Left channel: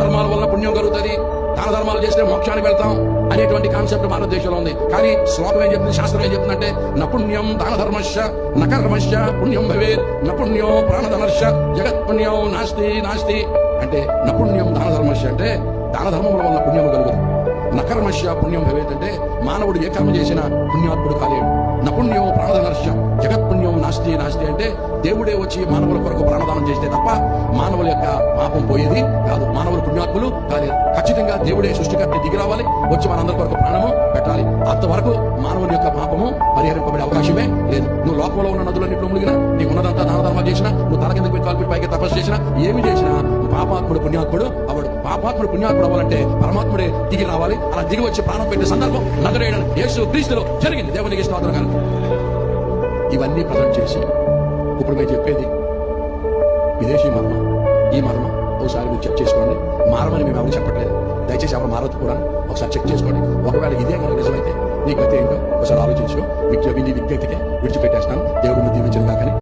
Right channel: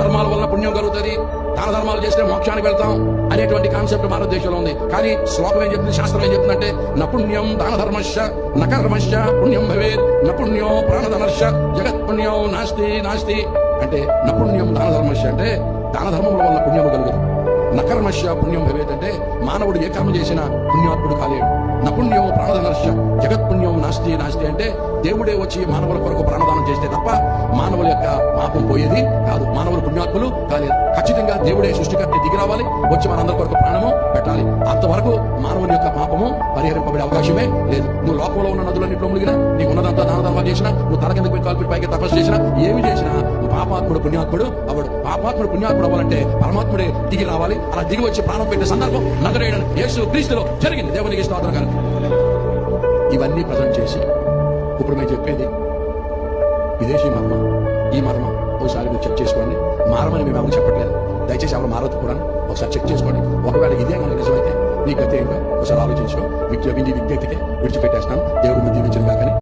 ధర్మాల వలన పుణ్యం కలుగుతుంది, దాన ధర్మాలు చేస్తే మోక్షానికి వెళ్తాం అనేటువంటి కాన్సెప్ట్ భారతదేశంలో ఉంది. కానీ శ్లోకం ఏం చెప్తుంది, శాస్త్రం ఏం చెప్తుందంటే నపుణ్యం దాన ధర్మశ్చ నకర్మశ్చ పుణ్యం భవేత్ నపుణ్యో ప్రాణధనశ్చ జగత్ పుణ్యం నాస్తి నాస్తి. అంటే నపుణ్యం దాన ధర్మశ్చ అంటే దాన ధర్మముల వల్ల పుణ్యము కలుగుతుంది. నకర్మశ్చ పుణ్యం భవేత్ అంటే మానవుడు ఏ కర్మ చేసినా పుణ్యాత్ముడు కాలేడు. నపుణ్యం ప్రాణధనర్ష జగత్ పుణ్యం నాస్తి నాస్తి అంటే దేవుడే వచ్చి మానవుల కొరకు ప్రాణదానం చేస్తే తప్ప మానవుల యొక్క పాపం పోయేది కాదు, మానవులు పుణ్యాత్ములు కాలేదు. ఖచ్చితంగా దేవుడే సృష్టికర్త దిగి రావాలి, వచ్చి మనందరి కొరకు ప్రాణము పెట్టాలి. అంతవరకు మానవుని యొక్క పాపము పరిహరింపబడే అవకాశమే లేదు. నువ్వు లోకంలో ఉన్న నదులన్నింటిలో మునిగినా, నీకు ఉన్నదంతా దాన ధర్మాలు చేసినా, నువ్వు తల కిందకి కాల్పిటి పైకి తపస్సు చేసినా, ఏమి చేసినా పాపాత్ముడు పుణ్యాత్ముడు అవడు. పాపాత్ముడు పుణ్యాత్ముడు అవ్వాలంటే పరమాత్ముడే దిగి రావాలి. అలా దిగి వచ్చి ప్రాణం పెట్టే సందర్భం నజరేయుడైన యేసు క్రీస్తులో జరిగింది. దేవునికి స్తోత్రం. ఇవన్నీ ప్రజెంట్ చేసి ఇప్పుడు మేము చెప్పేది విదేశీ మర్మ, ఈ మర్మ ఒకసారి మీరు చెక్ చేసుకోండి. మారమని మేము ఎవరు చెప్పట్లేదు, దయచేసి ఎవరు మారదు కూడా ఒకసారి చెక్ చేసుకోండి. ఒకవేళ ఇదే కనుక నిజమైతే నీ గతి ఏంటో ఒకసారి ఆలోచించు. విజ్ఞప్తికే విడిచిపెట్టేస్తాను. దేవుడిని దీవించను కాకని.